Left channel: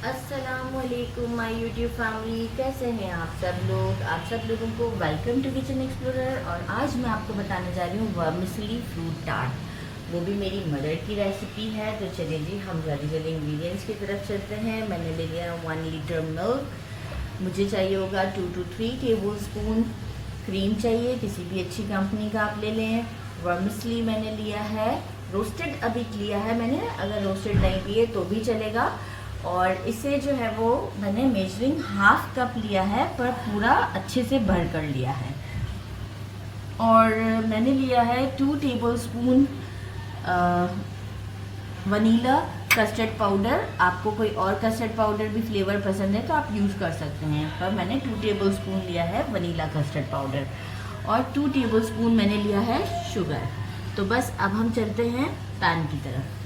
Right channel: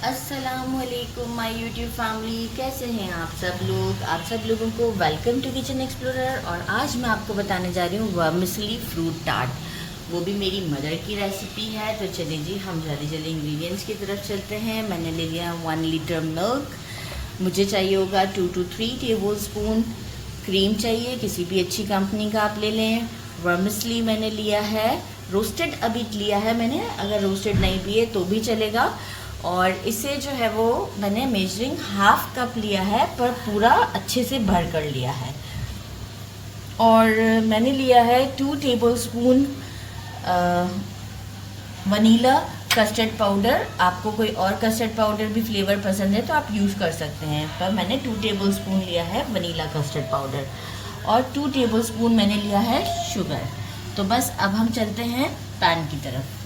अस्सलामुअलैकुम my YouTube family, कैसे हैं आप सब लोग। आप सब लोगों को वेलकम टू किचन एक्सप्लोरर। और आज मैं आपको बताने जा रही हूँ वर्मिसली फ्रूट टार्ट, वो भी मेरी मदर की रेसिपी है। तो चलिए जी, हम जल्दी जल्दी इंग्रेडिएंट्स की तरफ चलते हैं। मैंने ले लिया 1 लीटर मिल्क, मुझे चाहिए होगा 2 to 3 टेबल स्पून क्रीम चाहिए, किसी भी अच्छी कंपनी का आप ले लें। वर्मिसली मैंने लिया है, रोस्टेड अभी लिया है मैंने, अगर रोस्टेड नहीं पिए तो भी चलेगा। और इसे जो है वो मैंने मेजरिंग हाफ कप लिया है, पर पूरा अच्छे से भर कर लिया है। और मैंने लिया है 2 table spoon vanilla custard powder. आपको कोई और कस्टर्ड पाउडर भी फ्लेवर पसंद है तो आप यूज़ कर सकते हैं, पर मैंने 2 टेबल स्पून लिया है वनीला कस्टर्ड पाउडर। और 2 टेबल स्पून मैंने लिया है शुगर। तो बस अब हम चलते हैं पैन की तरफ।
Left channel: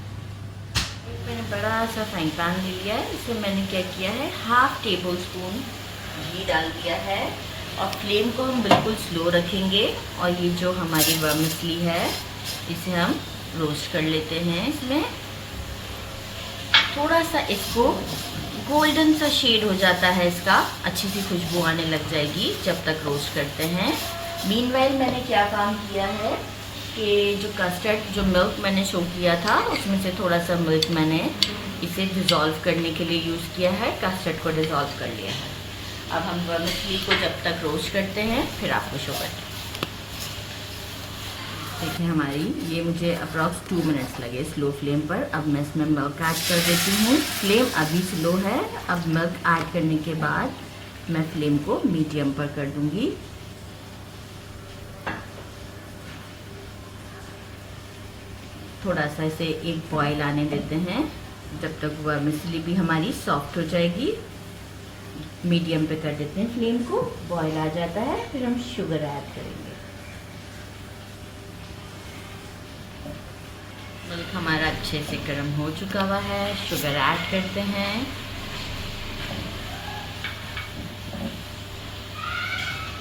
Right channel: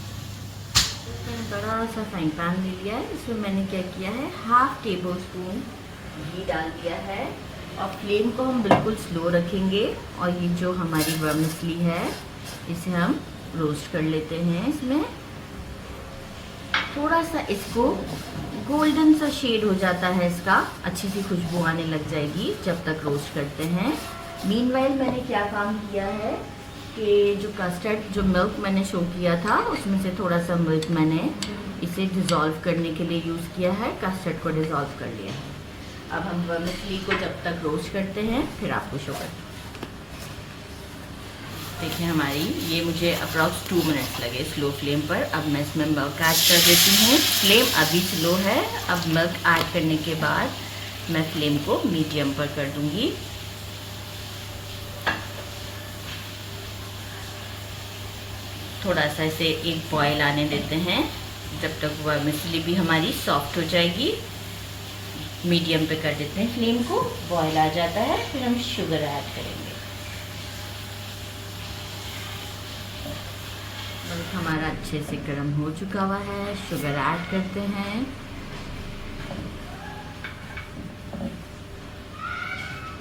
मैंने बड़ा सा फ्राइंग पैन ले लिया है, इसमें मैंने क्या किया है, हाफ टेबल स्पून घी डाल दिया है। और फ्लेम को हम बिल्कुल स्लो रखेंगे। और ये जो हमारी वर्मिसली है इसे हम रोस्ट कर लेते हैं। इसमें थोड़ा सा इसको गोल्डन सा शेड हो जाता है, इसका अच्छी सी खुशबू आने लग जाएगी जब तक रोस्ट करते हैं। मीनवाइल मैंने क्या काम किया है कि जो कस्टर्ड, जो मिल्क मैंने शो किया था, उसमें से थोड़ा सा मिल्क मैंने इसे डिज़ोल्व करने के लिए यूज़ किया है, कस्टर्ड को डिज़ोल्व कर लिया है। अब हम वर्मिसली को जब तक रोस्ट करते हैं फिर आपको शो करते हैं। देखिए हमारी ये मुझे अप्रॉक्स 2 मिनट्स लगे स्लो फ्लेम पर। अब मैं इसमें मिल्क ऐड कर देती हूँ। फ्लेम अभी स्लो है, अब मिल्क ऐड करने के बाद मैं फ्लेम को मीडियम पर कर दूँगी। थोड़ा सा इसे एक बॉयल आने देते हैं, जब तक वर्मिसली भी हमारी सॉफ्ट हो जाएगी। मीडियम पे कर देते हैं फ्लेम को, बॉयल आ जाता है फिर हम शुगर ऐड करेंगे। मिल्क हमारा अच्छे से गर्म हो चुका हुआ है, शुगर ऐड करते हैं।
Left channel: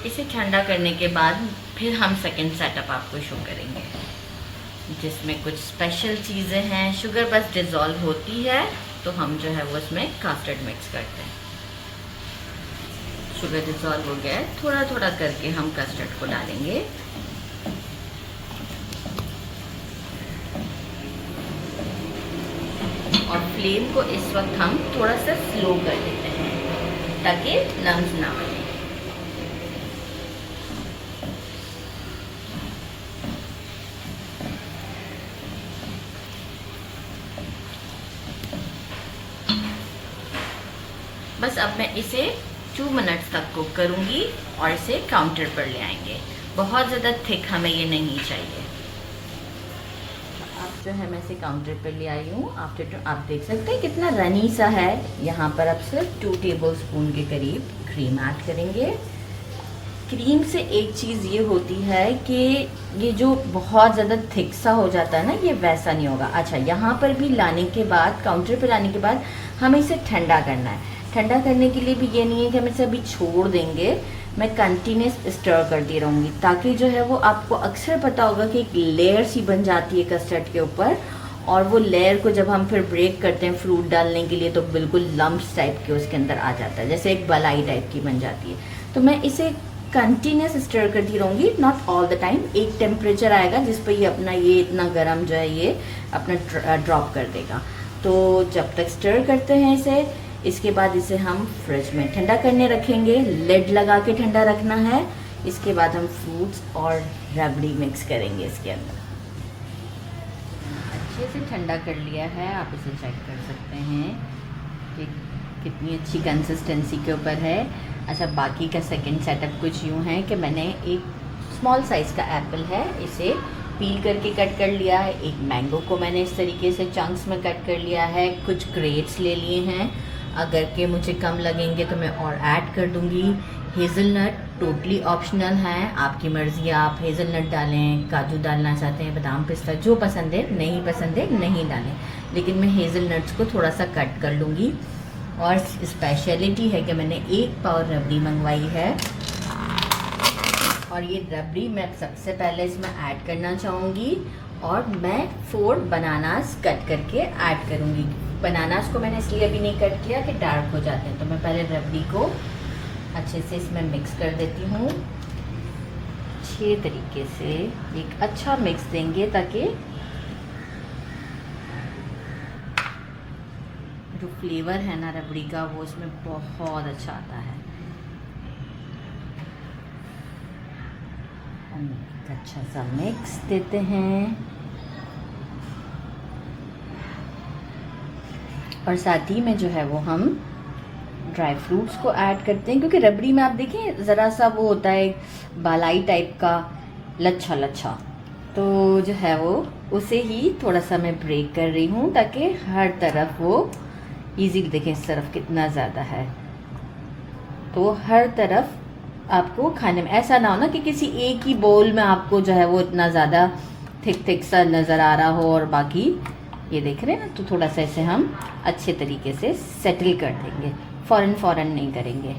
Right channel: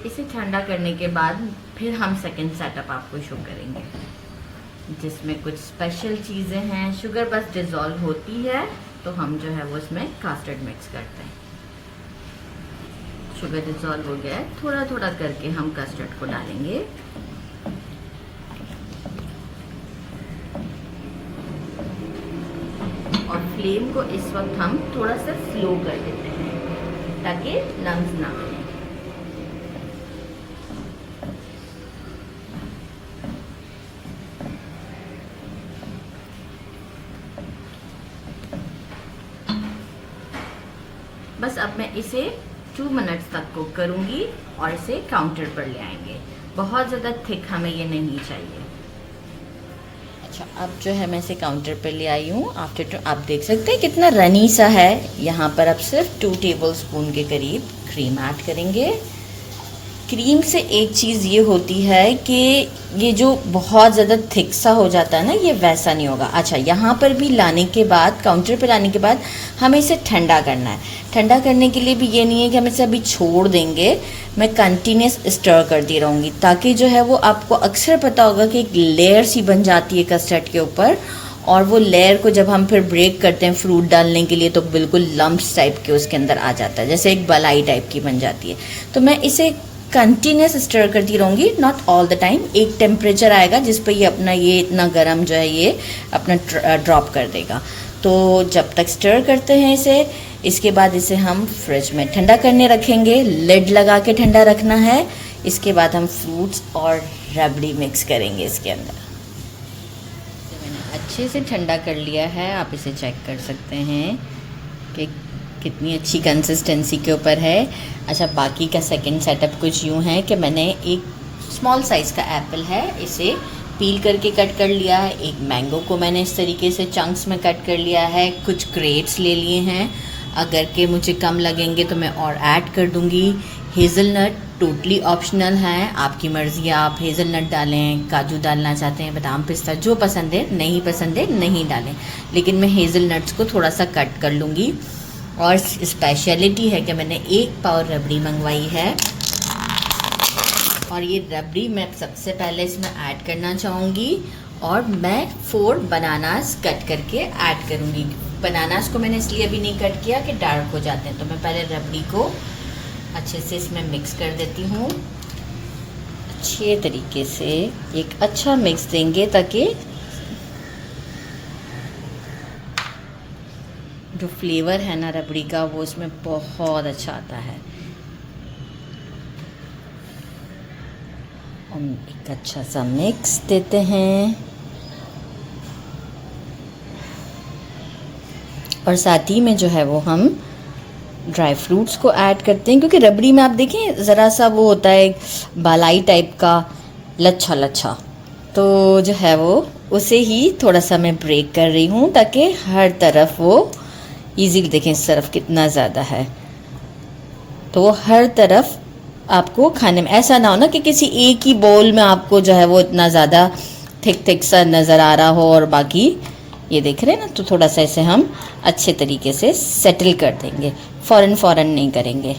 इसे ठंडा करने के बाद फिर हम सेकेंड सेटअप आपको शो करेंगे, जिसमें कुछ स्पेशल चीज़ें हैं। शुगर बस डिज़ोल्व होती है तो हम जो है वो इसमें कस्टर्ड मिक्स करते हैं। शुगर डिज़ोल्व हो गया है, थोड़ा थोड़ा करके हम कस्टर्ड को डालेंगे। और फ्लेम को इस वक्त हम थोड़ा सा स्लो कर देते हैं ताकि लम्स ना आए। बस अब मैं इसे 2 मिनट्स तक कुक करूंगी और इसे काउंटर पर ले आएंगे। बहुत ज़्यादा थिक हमें ये नहीं चाहिए। अच्छा, अब जो है मैं इसे काउंटर पर ले आई हूँ। आफ्टर आप देख सकते हैं कितना रनी सा है। यहाँ पर अब सिर्फ 2 टेबल स्पून के करीब क्रीम ऐड करेंगे। क्रीम से एक चीज़ ये होती है कि ये जो बहुत ज़्यादा थिक सा हो जाता है ना, ये वैसा नहीं होगा। अच्छा, यहाँ पर भी लाने के बाद, काउंटर पर लाने के बाद हमें इसे ठंडा करना है। ठंडा करने के लिए भी ये नहीं है कि हम इसे अभी छोड़ देंगे, मैं कंटिन्यूस स्टर करती रहूँगी, ताकि जो है वो आपको अक्सर पता होगा कि एक लेयर सी बन जाती है कस्टर्ड के ऊपर। और वो लेयर को जब हम फिर ब्रेक करते हैं फ्रूट डालने के लिए तो बिल्कुल लम्प्स टाइप के उसके अंदर आ जाता है, जैसे एक बलाई टाइप की बन जाती है। तो मैं इसे कंटिन्यूस स्टर करती रहूँगी, नॉट ऑल द टाइम। एक टेम्परेचर आएगा जिस पर ये अपना ये इतना गर्म जो है ये अपना ड्रॉप कर देगा। तो जब तक स्टर करते हैं इसे, इसके बाद इसे हम फ्रिज में ठंडा करने रखेंगे। लिड लगा के ठंडा रखना है। इसके बाद हम फ्रूट्स और रबड़ी मिक्स करेंगे इसके अंदर। मैंने अच्छे से ठंडा कर लिया है, आप इसे चेक कर सकते हैं कि कितनी अच्छी कंसिस्टेंसी के ऊपर है। अच्छा, बाकी का सेकंड सेटअप कुछ यूँ है कि मैंने एक स्मॉल साइज़ का एप्पल है, इसे पील करके कट कर लिया है। एक मैंगो को मैंने इस तरीके से चंक्स में कट कर लिया है। कुछ ग्रेप्स ले लिए हैं, अगर के मुझे कम लगेंगे तो मैं और ऐड कर दूंगी। हेज़लनट टोटली ऑप्शनल है, आपकी मर्ज़ी, आप हेज़लनट डालें, काजू डालना चाहते हैं, बादाम पिस्ता, जो पसंद है। नहीं पसंद है नहीं डालें, लेकिन मैं हेज़लनट्स को थोड़ा सा कट कर लूँगी। और स्पेशलिटी है कि मैंने 1 पाव रबड़ी मंगवाई है। और ये रबड़ी मैं सबसे पहले इसमें ऐड करना चाहूँगी और मैं 4 बनानास कट करके ऐड करूँगी। बनानास को मैंने इसलिए अभी नहीं कट किया कि डार्क हो जाते हैं, तो मैं पहले रबड़ी को अच्छे से इसमें मिक्स कर देती हूँ। अच्छे तरीके से एक अच्छा मिक्स देंगे ताकि जो फ्लेवर है ना रबड़ी का वो उसमें बहुत अच्छा आता है। हम एक अच्छा सा मिक्स देते हैं और साथ ही में जो है वो हम ड्राई फ्रूट्स को ऐड करते हैं, क्योंकि रबड़ी में आप देखें ज़रा सा वो होता है बालाई टाइप का लच्छा लच्छा, तो जो है वो उसे ही थोड़ा सा मैं ब्रेक कर रही हूँ ताकि हर तरफ वो इजीली, देखें इस तरफ कितना ज़्यादा है, तो वो हर तरफ आपको खाने में ऐसा ना हो ना कि किसी एक ही बोल में आपको जो है वो इतना ज़्यादा थिक सा नज़र आ रहा हो और बाकी ये देख रहे हैं ना, तो थोड़ा सा इसे हम अच्छे तरीके से सेटल कर देंगे, फ़ौरन नहीं करेंगे,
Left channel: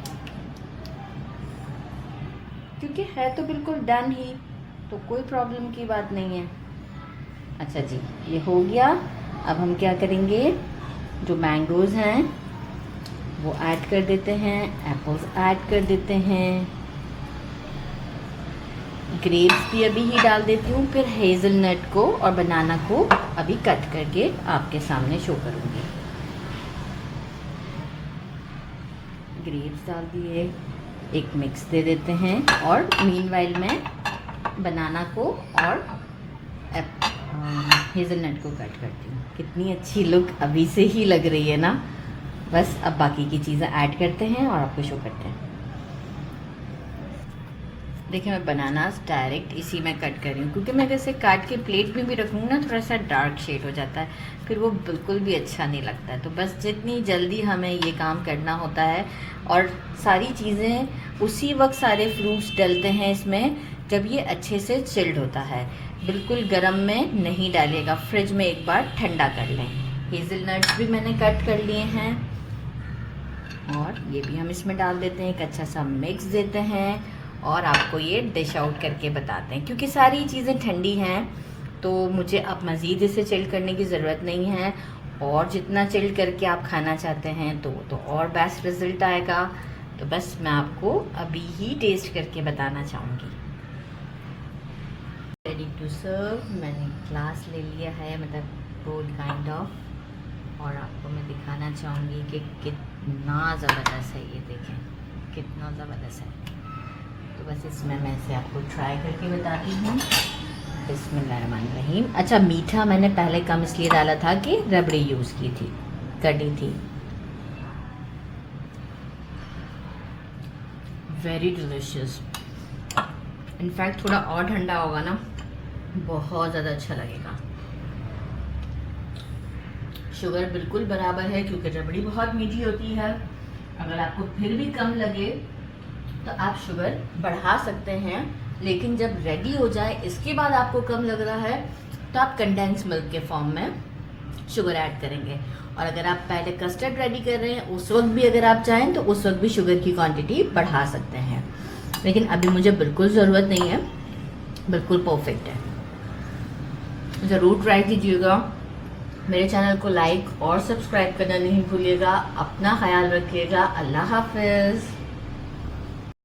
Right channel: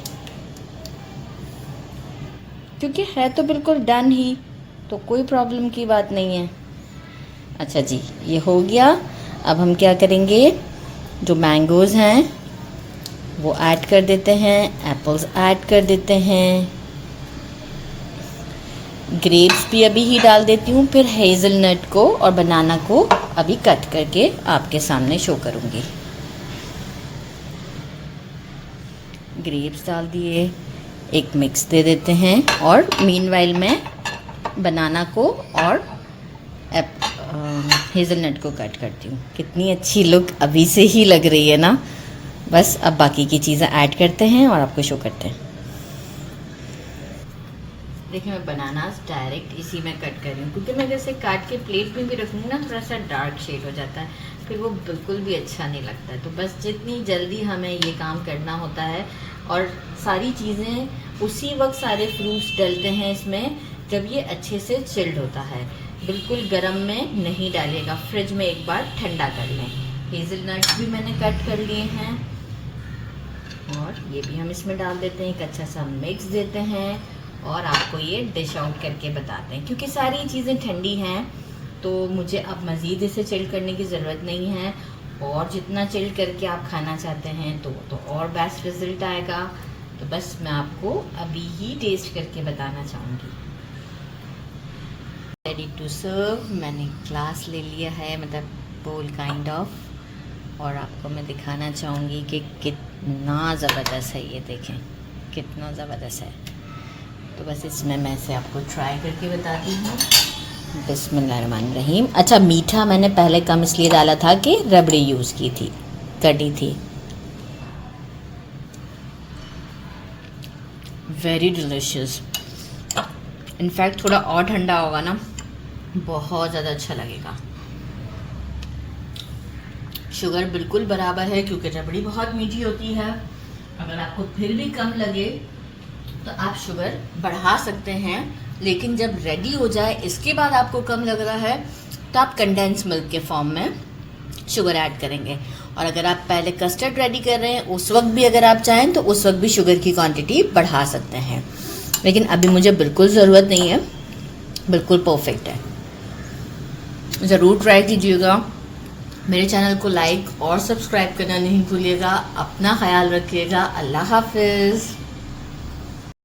क्योंकि है तो बिल्कुल डन ही, तो कोई प्रॉब्लम की बात नहीं है। अच्छा जी, ये हो गया। अब हम क्या करेंगे, जो मैंगोज़ हैं वो ऐड कर देते हैं, एप्पल्स ऐड कर देते हैं, ग्रेप्स भी अभी ही डाल देती हूँ, फिर हेज़लनट को और बनाना को अभी कट करके आपके सामने शो करूँगी। ग्रेप्स डाल दिए, एक मिक्स दे देते हैं और मीनवाइल में बनाना को और हेज़लनट को कट करती हूँ। कितनी अच्छी लुक अभी से ही लग रही है ना। बस अब बाकी की चीज़ें ऐड करते हैं और आपको शो करते हैं। देखिए मैं बनानास डायरेक्ट इसी में कट कर रही हूँ, क्योंकि मैं वैसे काट के प्लेट में भी रखूँगी ना थोड़ा सा डार्क शेड हो जाता है, फिर वो बिल्कुल भी अच्छा नहीं लगता है। तो बस जितनी जल्दी हमें ये काम करना होता है, और सारी चीज़ें उसी वक्त सारे फ्रूट्स डलते हैं इसमें जब ये अच्छे से चिल्ड होता है, बिल्कुल गर्म में नहीं डालेगा, फ्रिज में एक बार ठंडा कर लें। हेज़लनट्स भी मैंने कट कर लिए हैं और ये भी हम इसमें डाल देते हैं, एक अच्छा सा मिक्स देते हैं और आपको ये डिश आउट करके बताते हैं। क्योंकि सारी चीज़ें ठंडी हैं तो मुझे अब मज़ीद इसे चिल्ड करने की ज़रूरत नहीं है, और जितना चिल्ड करके आप खाना चाहते हैं तो वो तो और बेस्ट रिज़ल्ट आएगा। तो बस मैं आपको अभी ही टेस्ट करके बताना चाहूँगी। रेडी टू सर्व, मैंने ग्लास ले लिया है, मतलब बोल काइंड ऑफ, और आपको मैं दिखाना चाहूँगी कि कितना ज़बरदस्त है। ये देखें कितना ज़बरदस्त है। तो बस इसमें मैं इसे आपको ट्राई करके बताती हूँ। बिस्मिल्लाहिर्रहमानिर्रहीम। अच्छा, मीठा मैंने पहले कम इसलिए डाला था कि रबड़ी यूज़ की थी, कटी थी। Very delicious. इनफैक्ट थोड़ा और ठंडा होगा ना, बहुत ज़्यादा अच्छा लगेगा। शुगर बिल्कुल बराबर है, क्योंकि रबड़ी बहुत मीठी होती है। अगर आपको फिर भी कम लगे तो आप शुगर बढ़ा सकते हैं, लेकिन जब रेडी हो जाए इसके बाद आपको कम लग रहा है तो आप कंडेंस मिल्क के फॉर्म में शुगर ऐड करेंगे। और अगर आप पहले कस्टर्ड रेडी कर रहे हैं उस वक्त भी अगर आप चाहें तो उस वक्त भी शुगर की क्वांटिटी बढ़ा सकते हैं, लेकिन अभी मुझे बिल्कुल ज़रूरत नहीं है, बिल्कुल परफेक्ट है। ज़रूर ट्राई कीजिएगा। मेरे चैनल को लाइक और सब्सक्राइब करना नहीं भूलिएगा। अपना ख्याल रखिएगा। अल्लाह हाफिज़।